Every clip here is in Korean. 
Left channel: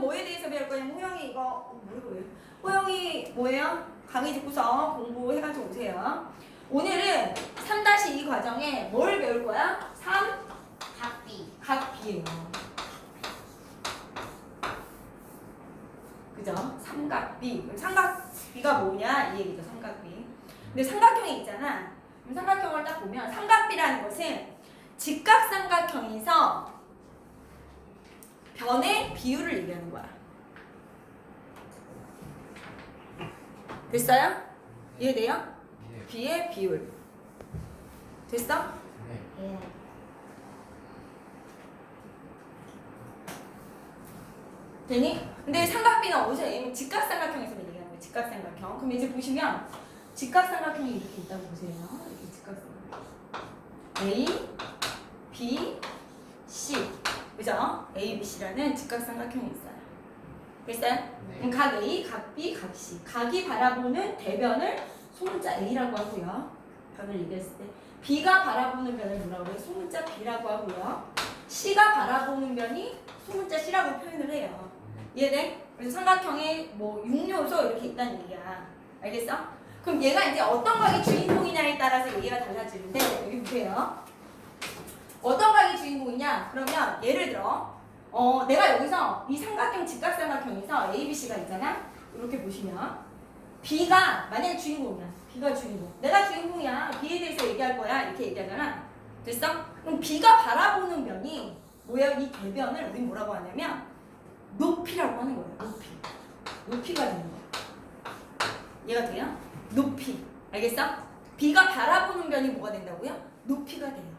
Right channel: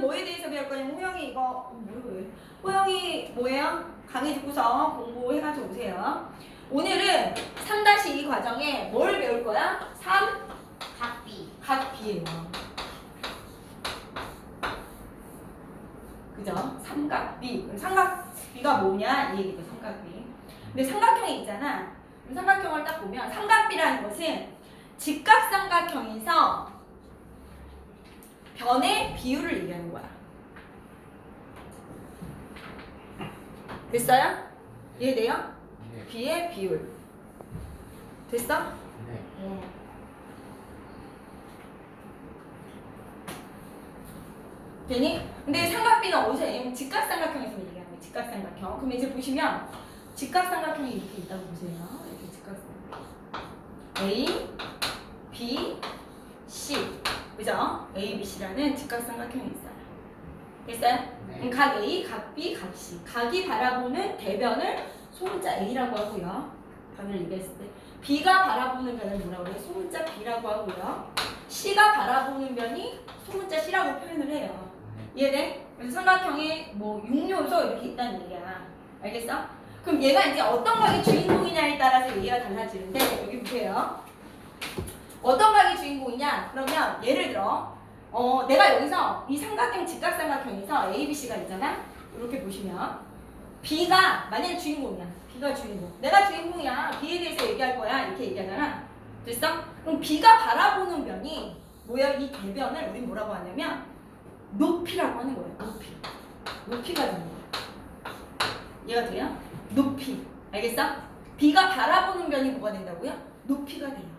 오늘은 뭐에 대해서 배울 거냐면 호영이 이거 뭐예요? 호영이 뭐예요? 강의 듣고서 공부해가지고 오세요. 오늘은 3-2 과정에 뭘 배울 거야? 3 각비. 각비예요. 그죠? 삼각비. 그럼 삼각비가 뭐냐? 이 얘기죠. 삼각비. 근데 삼각형이 있잖아. 그럼 삼각형을 딱 보면 삼각비라는 것은 직각삼각형에서 변의 비율을 얘기하는 거야. 됐어요? 이해돼요? 네. 비의 비율. 됐어? 네. 되니? 근데 삼각비는 어디서 얘기하면 직각삼각형에서 얘기하는 거예요. 직각삼각형. 그럼 이제 보시면 직각삼각형이 이렇게 있다고 보세요. 이렇게 직각삼각형. A, B, C. 그죠? A, B, C라는 직각삼각형이 있어요. 됐어요? 네. 그럼 각 A, 각 B, 각 C. 각이 바라보는 대변을 소문자 A라고 하고요. 변을 얘기했을 때. B가 바라보는 변을 뭐라고 해요? 소문자 B라고 하고요. C가 바라보는 변이 소문자 C라고 표현을 해요. 이해돼? 그래서 삼각형에 뭐 6요소 이렇게 있다는 얘기야. 알겠어? 그럼 얘가 이제 어떤 각이 주인공이냐에 따라서 얘기가 달라지는데 여기 보세요. 어떤 각이 주인공이냐? 그러면 예를 들어 내가 여기서 이 삼각형 직각삼각형에서 A, B, C가 있잖아. 이렇게 보시면 B가 만약에 주인공이야. B가 주인공. 내가 주인공이야. B에 대해서 얘기할 거야. 이렇게 얘기하잖아. 됐어? 그럼 B가 바라보는 변이 뭐야? 이 대변을 우리 뭐라고 하냐면 높이라고 하는 거예요. 높이. 높이가 되는 거예요. 이해가 돼요? 높이. 알겠어? B가 바라보는 변이 뭐가 된다고요? 높이가 돼요.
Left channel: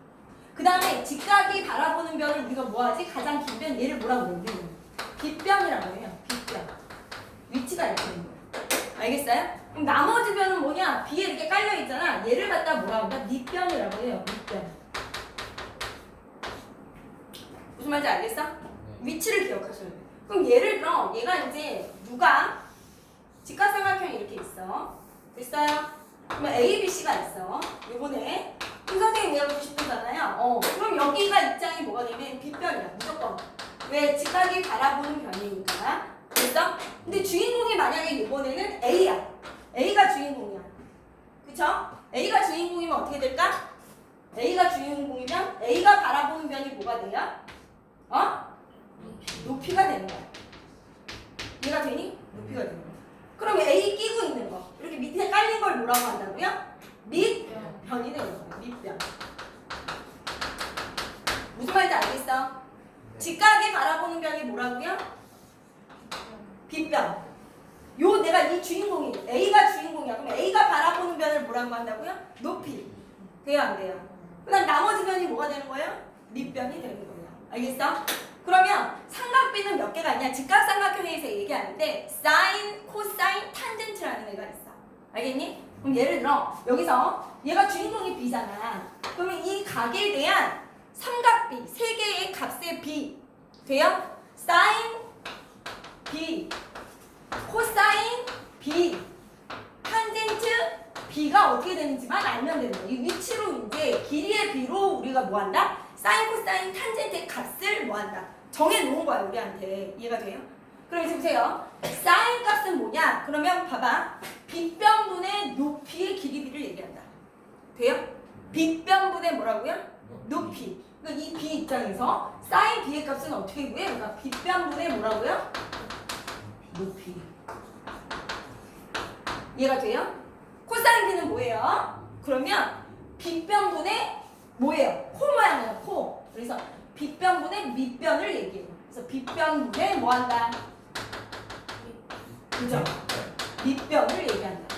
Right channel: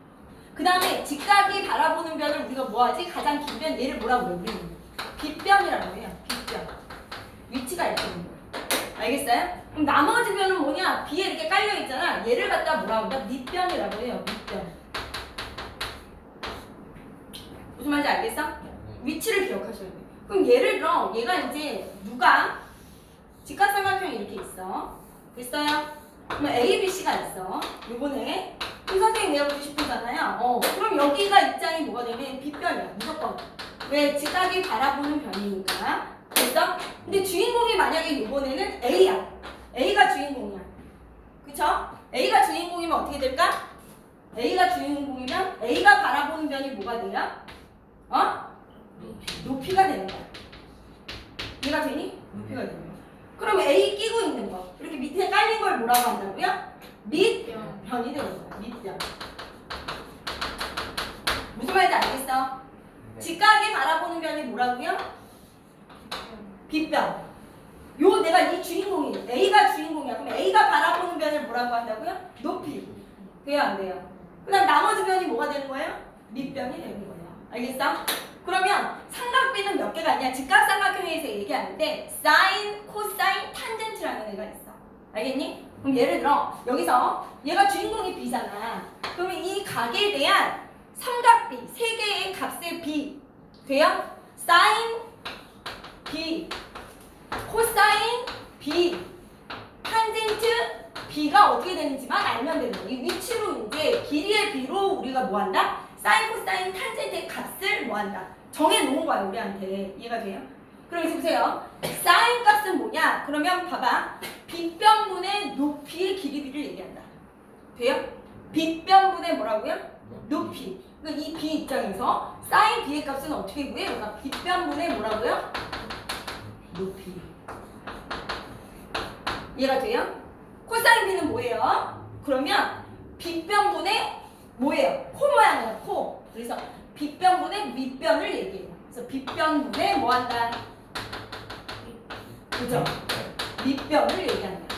그 다음에 직각이 바라보는 변을 우리가 뭐하지? 가장 긴 변, 얘를 뭐라고 해요? 우리는 빗변이라고 해요. 빗변. 위치가 이렇게 되는 거예요. 알겠어요? 그럼 나머지 변은 뭐냐? B에 이렇게 깔려있잖아. 얘를 갖다 뭐라고 한다? 밑변이라고 해요. 밑변. 무슨 말인지 알겠어? 위치를 기억하셔야 돼요. 그럼 예를 들어 얘가 이제 누가 직각삼각형이 이렇게 있어. 됐어요? 그러면 A, B, C가 있어. 요번에 선생님이 외워주고 싶으잖아요. 그럼 여기가 입장이 뭐가 되면 빗변이야. 무조건. 왜? 직각이 바라보는 변이니까. 됐어? 근데 주인공이 만약에 요번에는 A야. A가 주인공이야. 그쵸? A가 주인공이면 어떻게 될까? A가 주인공이면 A가 바라보는 변이 뭐가 돼요? 높이가 되는 거야. 이해가 되니? 높이가 되는 거야. 그럼 A 끼고 있는 거. 이렇게 밑에 깔린 걸 뭐라고 한다고요? 밑변이 되는 거야. 밑변. 무슨 말인지 알겠어? 직각이 바라보는 변이 뭐라고요? 빗변. 요 내가 이 주인공이 A가 주인공이야. 그럼 A가 바라보는 변을 뭐라고 한다고요? 높이. 돼요 안 돼요? 그 다음 나머지 변이 뭐가 되는 거예요? 밑변이 되는 거예요. 알겠어? 그러면 삼각비는 몇 개가 있냐? 직각삼각형에서 얘기하는데 사인, 코사인, 탄젠트라는 애가 있어. 알겠니? 그럼 예를 들어 여기서 얘가 주인공이 B잖아. 그러면 이 각에 대한 삼각비 세 개의 값의 B 돼요? 사인 B, 코사인 B, 탄젠트 B가 어떻게 되는지만 알면 되는 거야. 이 위치로 이제 길이의 B로 우리가 뭐 한다? 사인, 코사인, 탄젠트의 값을 뭐 한다? 정해놓은 거야 우리한테. 이해가 돼요? 그럼 이제 보세요. 사인 값은 뭐냐? 그러면 봐봐. 빗변분의 높이의 길이비를 얘기한다. 돼요? 빗변분의 뭐라고요? 높이. 그러니까 이 B 입장에서 사인 B의 값은 어떻게 구해요? 그러니까 빗변분의 뭐라고요? 높이. 이해가 돼요? 코사인 B는 뭐예요? 그러면 빗변분의 뭐예요? 코 모양이에요. 코. 그래서 빗변분의 밑변을 얘기해요. 그래서 빗변분의 뭐 한다? 그죠? 밑변을 얘기한다.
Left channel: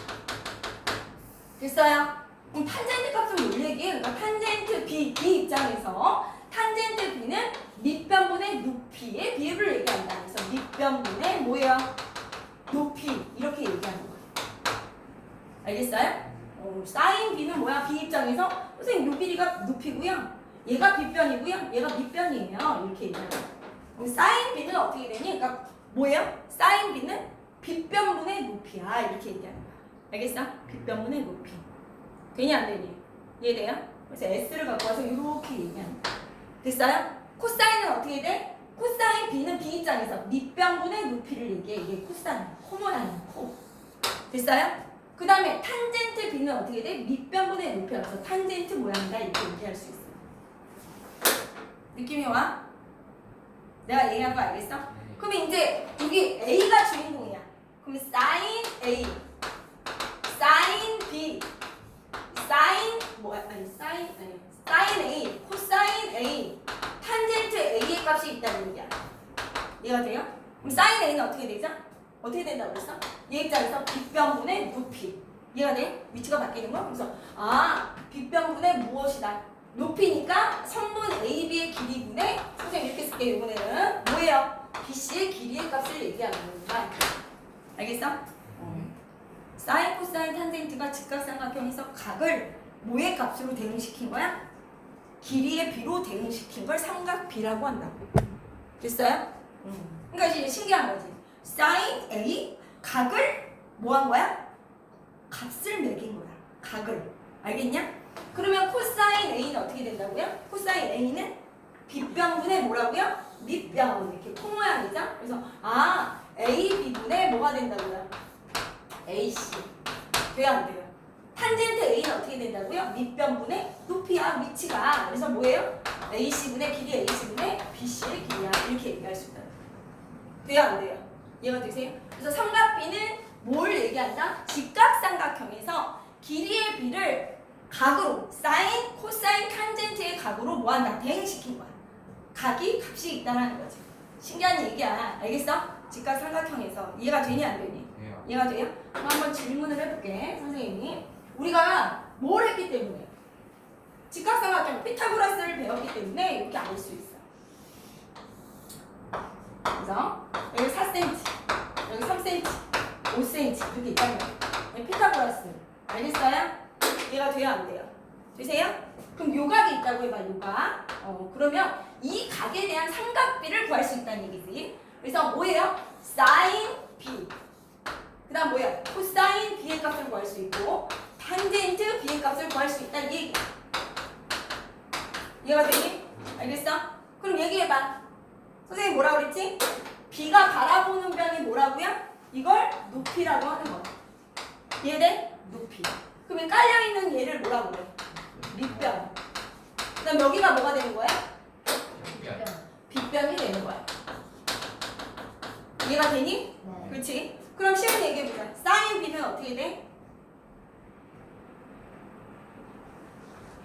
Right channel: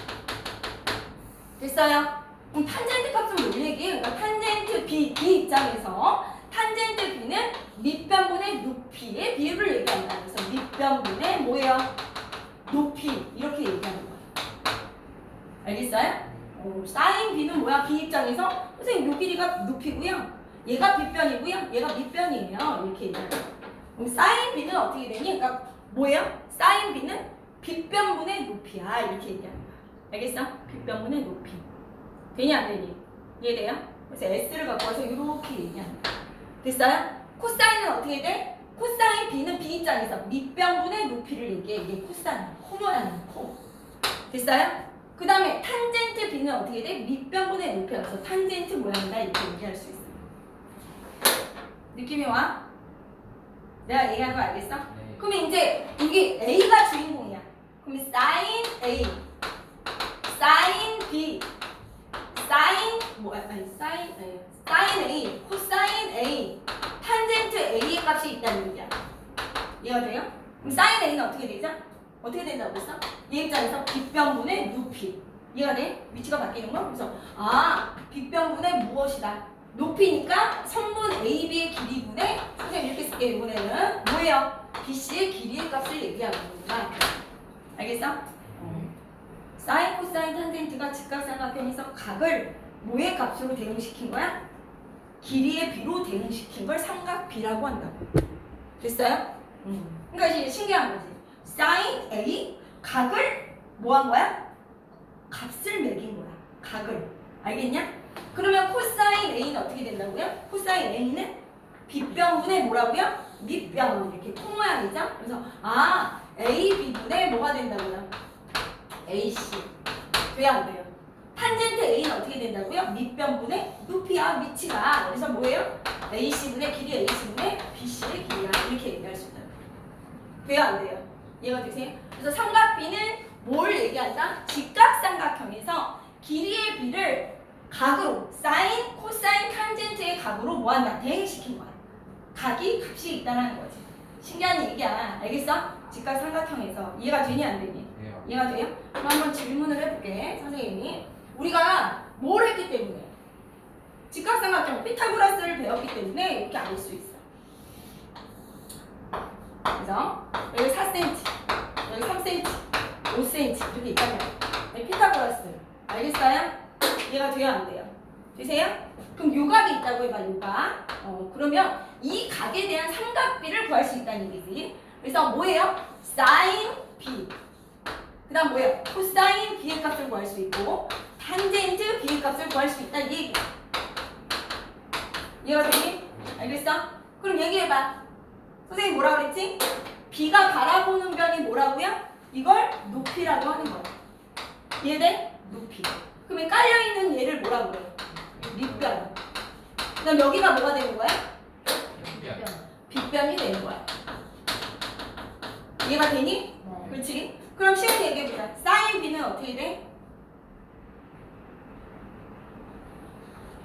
됐어요? 그럼 탄젠트 값은 뭘 얘기해요? 그러니까 탄젠트 B 입장에서 탄젠트 B는 밑변분의 높이의 비율을 얘기한다. 그래서 밑변분의 뭐예요? 높이. 이렇게 얘기하는 거예요. 알겠어요? 사인 B는 뭐야? B 입장에서 선생님 요 길이가 높이고요. 얘가 빗변이고요. 얘가 밑변이에요. 이렇게 얘기해요. 그럼 사인 B는 어떻게 되니? 그러니까 뭐예요? 사인 B는 빗변분의 높이야. 이렇게 얘기하는 거야. 알겠어? 빗변분의 높이. 되니 안 되니? 이해돼요? 그래서 S를 갖고 와서 이렇게 얘기하는 거야. 됐어요? 코사인은 어떻게 돼? 코사인 B는 B 입장에서 밑변분의 높이를 얘기해. 이게 코사인, 코 모양이야, 코. 됐어요? 그 다음에 탄젠트 B는 어떻게 돼? 밑변분의 높이여서 탄젠트 모양이다 이렇게 얘기할 수 있어. 느낌이 와? 내가 얘기하는 거 알겠어? 네. 그럼 이제 이게 A가 주인공이야. 그럼 sin A, sin B, sin 뭐야? 아니 sin A, 코사인 A, 탄젠트 A의 값이 있다는 얘기야. 이해가 돼요? 그럼 sin A는 어떻게 되죠? 어떻게 된다고 했어? 얘 입장에서 빗변분의 높이. 이해가 돼? 위치가 바뀌는 거? 그래서 빗변분의 무엇이다? 높이니까 선분 AB의 길이분의 선생님 이렇게 쓸게요. 이번에는 뭐예요? BC의 길이의 값을 얘기하는 거구나. 알겠어? 사인, 코사인, 탄젠트가 직각삼각형에서 각을 뭐의 값으로 대응시킨 거야? 길이의 B로 대응시킨 걸 삼각비라고 한다고. 됐어요? 그러니까 이제 신기한 거지. 사인 A 각을 뭐 한 거야? 값을 매긴 거야. 각을. 알겠냐? 그러면 코사인 A는 어떻게 된다고요? 코사인 A는 빗변분의 뭐라고요? 밑변. 이렇게 코 모양이죠? 그래서 AB분의 뭐가 된다고요? AC. 돼요 안 돼요? 탄젠트 A는 어떻게 된다고요? 밑변분의 높이야 위치가. 그래서 뭐예요? AC분의 길이 AC분의 BC의 길이야. 이렇게 얘기할 수 있다고. 돼요 안 돼요? 이해가 되세요? 그래서 삼각비는 뭘 얘기한다? 직각삼각형에서 길이의 B를 각으로 사인, 코사인, 탄젠트의 각으로 뭐한다? 대응시킨 거야. 각이 값이 있다는 거지. 신기한 얘기야. 알겠어? 직각삼각형에서 이해가 되니 안 되니? 네. 이해가 돼요? 그럼 한번 질문을 해볼게. 선생님이 우리가 뭘 했기 때문에 직각삼각형 피타고라스를 배웠기 때문에 이렇게 알 수 있어. 그래서 여기 4cm, 여기 3cm, 5cm 이렇게 있단 말이야. 피타고라스 알겠어요? 이해가 돼요 안 돼요? 되세요? 그럼 요각이 있다고 해봐. 요각. 그러면 이 각에 대한 삼각비를 구할 수 있다는 얘기지. 그래서 뭐예요? sin B. 그 다음 뭐예요? 코사인 B의 값을 구할 수 있고 탄젠트 B의 값을 구할 수 있다는 얘기. 이해가 되니? 알겠어? 그럼 얘기해봐. 선생님 뭐라 그랬지? B가 바라보는 변이 뭐라고요? 이걸 높이라고 하는 거야. 이해돼? 높이. 그러면 깔려있는 얘를 뭐라고 그래? 밑변. 그럼 여기가 뭐가 되는 거야? 빗변이 되는 거야. 이해가 되니? 네. 그렇지? 그럼 시간 얘기해보자. 사인 B는 어떻게 돼?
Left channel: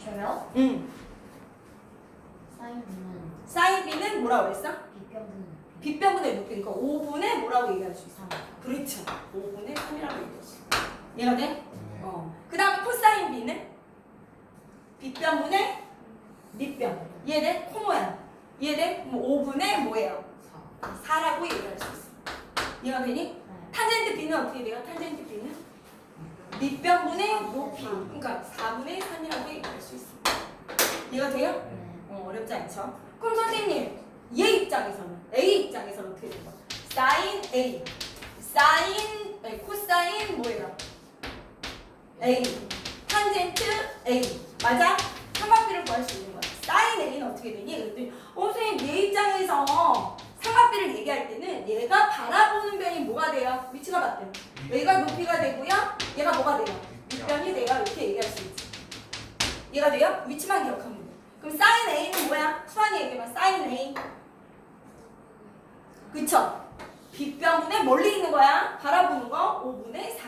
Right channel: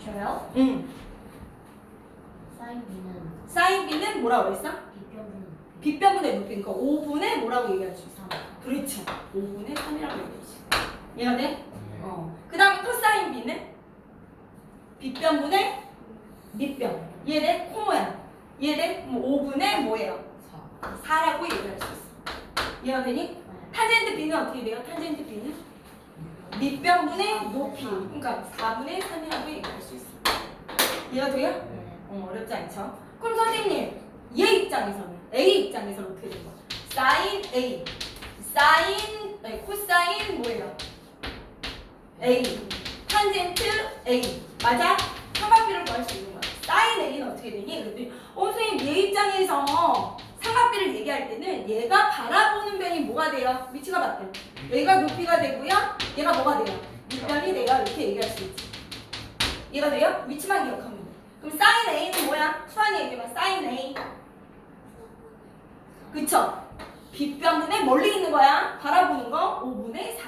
저요? 응. 사인 B는 사인 B는 뭐라고 그랬어? 빗변분 빗변분의 높이. 그러니까 5분의 뭐라고 얘기할 수 있어? 3. 그렇죠. 5분의 3이라고 얘기할 수 있어. 이해가 돼? 네. 그 다음에 코사인 B는 빗변분의 밑변. 이해돼? 코 모양. 이해돼? 그럼 5분의 뭐예요? 4라고 얘기할 수 있어. 이해가 되니? 네. 탄젠트 B는 어떻게 돼요? 탄젠트 B는 밑변분의 높이. 그러니까 4분의 3이라고 얘기할 수 있어. 이해가 돼요? 네. 어렵지 않죠? 그럼 선생님, 얘 입장에서는 A 입장에서는 어떻게 된 거야? 사인 A, 사인 코사인 뭐예요? A, 탄젠트 A, 맞아? 삼각비를 구할 수 있는 거야. 사인 A는 어떻게 되니? 그랬더니 선생님 얘 입장에서 삼각비를 얘기할 때는 얘가 바라보는 변이 뭐가 돼요? 위치가 맞대. 얘가 높이가 되고요. 얘가 뭐가 돼요? 밑변이 돼요. 이렇게 얘기할 수 있지. 이해가 돼요? 위치만 기억하면 돼. 그럼 사인 A는 뭐야? 수환이 얘기해봐. 사인 A. 그쵸? 빗변분의 멀리 있는 거야. 바라보는 거 5분의 4.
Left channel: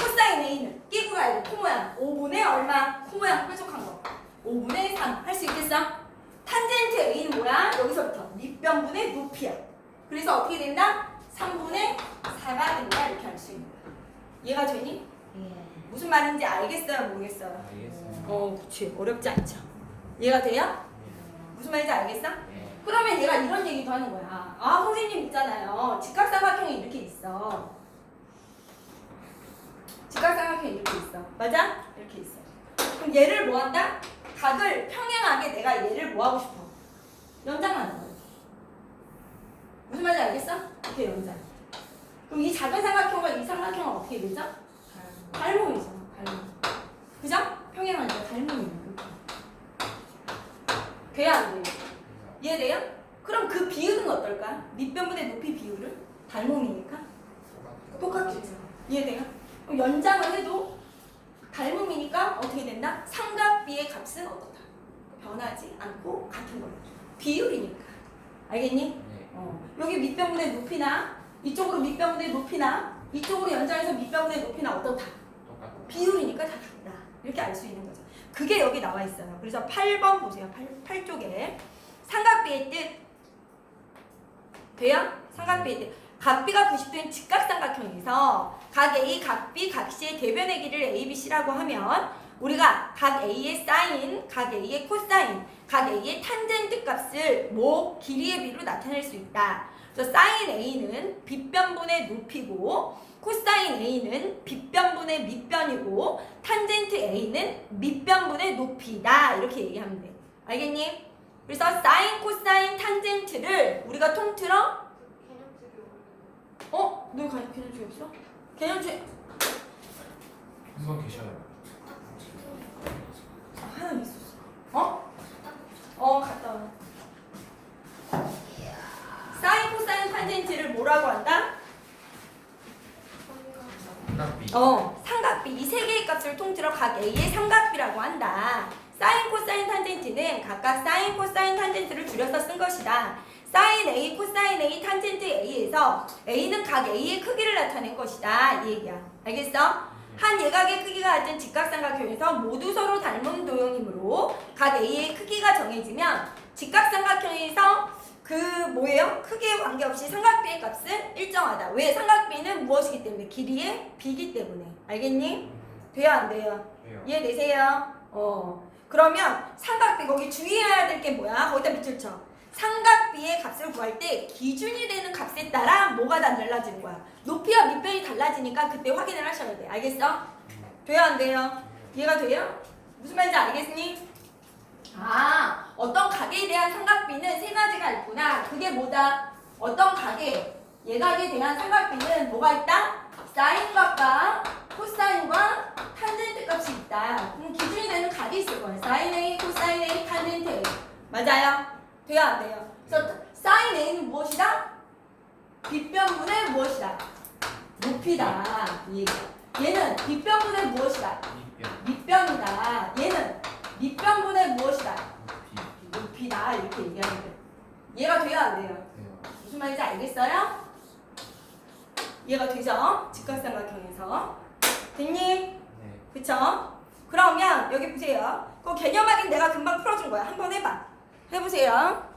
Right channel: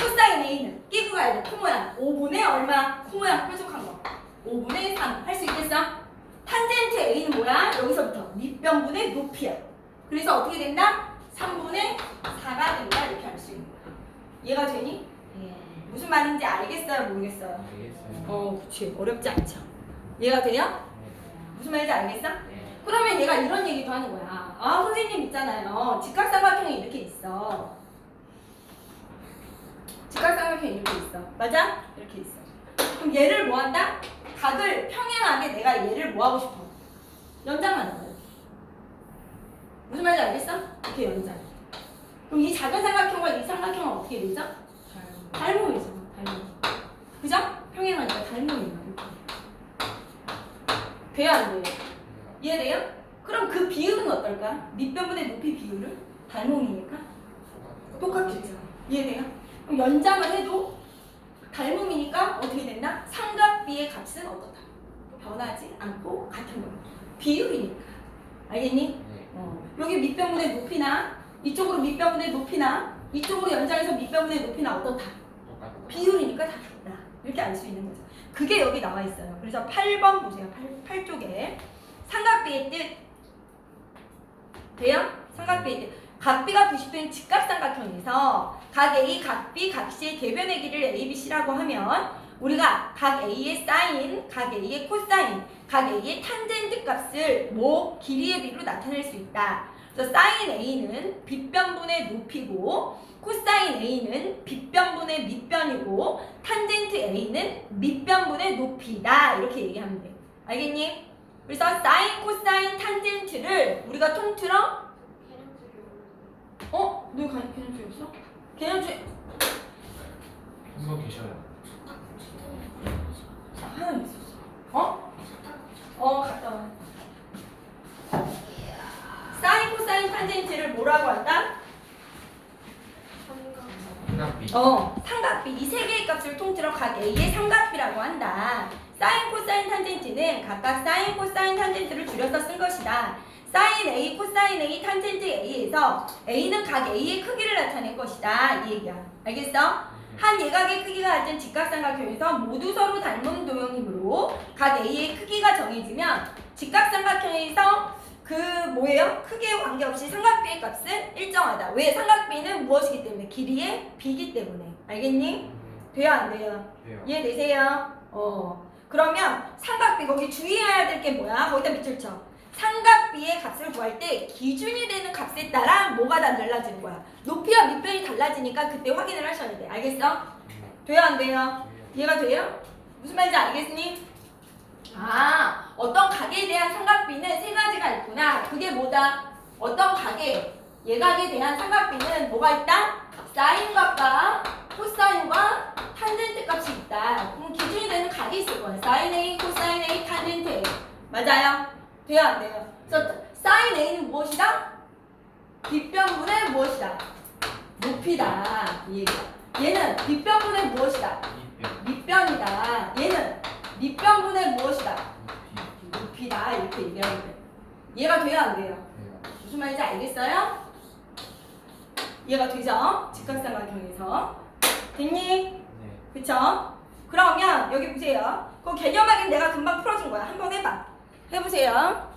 코사인 A는 끼고 가야 돼. 코 모양. 5분의 얼마? 코 모양 뾰족한 거. 5분의 3. 할 수 있겠어? 탄젠트 A는 뭐야? 여기서부터 밑변분의 높이야. 그래서 어떻게 된다? 3분의 4가 된다. 이렇게 할 수 있는 거야. 이해가 되니? 예. 무슨 말인지 알겠어요? 모르겠어요? 알겠어요. 그치. 어렵지 않죠? 이해가 돼요? 무슨 말인지 알겠어? 네. 그러면 얘가 이런 얘기도 하는 거야. 선생님 있잖아요. 직각삼각형이 이렇게 있어. 직각삼각형이 이렇게 있어. 맞아? 이렇게 있어. 그럼 얘를 뭐 한다? 각을 평행하게 내가 얘를 뭐 하고 싶어? 연장하는 거야. 무슨 말인지 알겠어? 이렇게 연장. 그럼 이 작은 삼각형과 이 삼각형은 어떻게 되죠? 닮음이죠. 닮음. 그죠? 평행하니까 닮음이야. 이렇게. 돼요 안 돼요? 이해돼요? 그럼 그 비율은 어떨까? 밑변분의 높이 비율은 닮음이니까 똑같겠죠. 이해돼요? 그럼 연장을 해도 닮음이니까 어떻게 된다? 삼각비의 값은 어떻다? 변하지 않고 같은 거야. 비율이니까. 알겠니? 네. 여기 밑변분의 높이나 이쪽으로 밑변분의 높이나 이쪽으로 연장해서 밑변분의 높이나 어떻다? 똑같다. 비율이니까 다 같다. 이렇게 알 수 있는 거죠. 그게 여기 나와 있어요. 그래서 8번 보세요. 8쪽에 삼각비의 뜻 돼요? 삼각비의 뜻. 각비가 90도인 직각삼각형에서 각 A, 각 B, 각 C의 대변의 길이를 A, B, C라고 하면 우리가 각 A의 사인, 각 A의 코사인, 각 A의 탄젠트 값을 길이의 비로 나타낼 수 있다. 그래서 사인 A는 빗변분의 높이고 코사인 A는 빗변분의 밑변이고 탄젠트 A는 밑변분의 높이다. 이렇게 얘기하면 돼. 알겠니? 그래서 사인, 코사인, 탄젠트를 우리가 통틀어 너 개념주의 없어? 개념주의 선생님 계셔요. 하나 있었어. 갔다 와. 사인, 코사인, 탄젠트를 뭐라고 한다? 삼각비. 삼각비. 이 세 개의 값을 통틀어 각 A의 삼각비라고 한다. 사인, 코사인, 탄젠트는 각각 사인, 코사인, 탄젠트를 줄여서 쓴 것이다. 사인 A, 코사인 A, 탄젠트 A에서 A는 각 A의 크기를 나타낸 것이다. 이 얘기야. 알겠어? 한 예각의 크기가 같은 직각삼각형에서 모두 서로 닮은 도형이므로 각 A의 크기가 정해지면 직각삼각형에서 뭐예요? 크기에 관계없이 삼각비의 값은 일정하다. 왜? 삼각비는 무엇이기 때문에? 길이의 비기 때문에. 알겠니? 돼요? 안 돼요? 돼요. 이해되세요? 그러면 삼각비 거기 주의해야 될 게 뭐야? 거기다 밑줄 쳐. 삼각비의 값을 구할 때 기준이 되는 값에 따라 뭐가 달라지는 거야? 높이와 밑변이 달라지니까 그때 확인을 하셔야 돼. 알겠어? 돼요? 안 돼요? 이해가 돼요? 무슨 말인지 알겠니? 어떤 각에 대한 삼각비는 세 가지가 있구나. 그게 뭐다? 어떤 각에 예각에 대한 삼각비는 뭐가 있다? 사인값과 코사인과 탄젠트 값이 있다. 그럼 기준이 되는 각이 있을 거야. 사인 A, 코사인 A, 탄젠트 A. 맞아요? 돼요? 안 돼요? 그래서 사인 A는 무엇이다? 빗변분의 무엇이다? 높이다. 이 얘기야. 얘는 빗변분의 무엇이다? 밑변. 밑변이다. 얘는 밑변분의 무엇이다? 높이. 높이다. 이렇게 얘기하면 돼. 이해가 돼요? 안 돼요? 돼요. 무슨 말인지 알겠어요? 이해가 되죠? 직각삼각형에서. 됐니? 네. 그쵸? 그러면 여기 보세요. 그 개념 확인 내가 금방 풀어준 거야. 한번 해봐. 해보세요.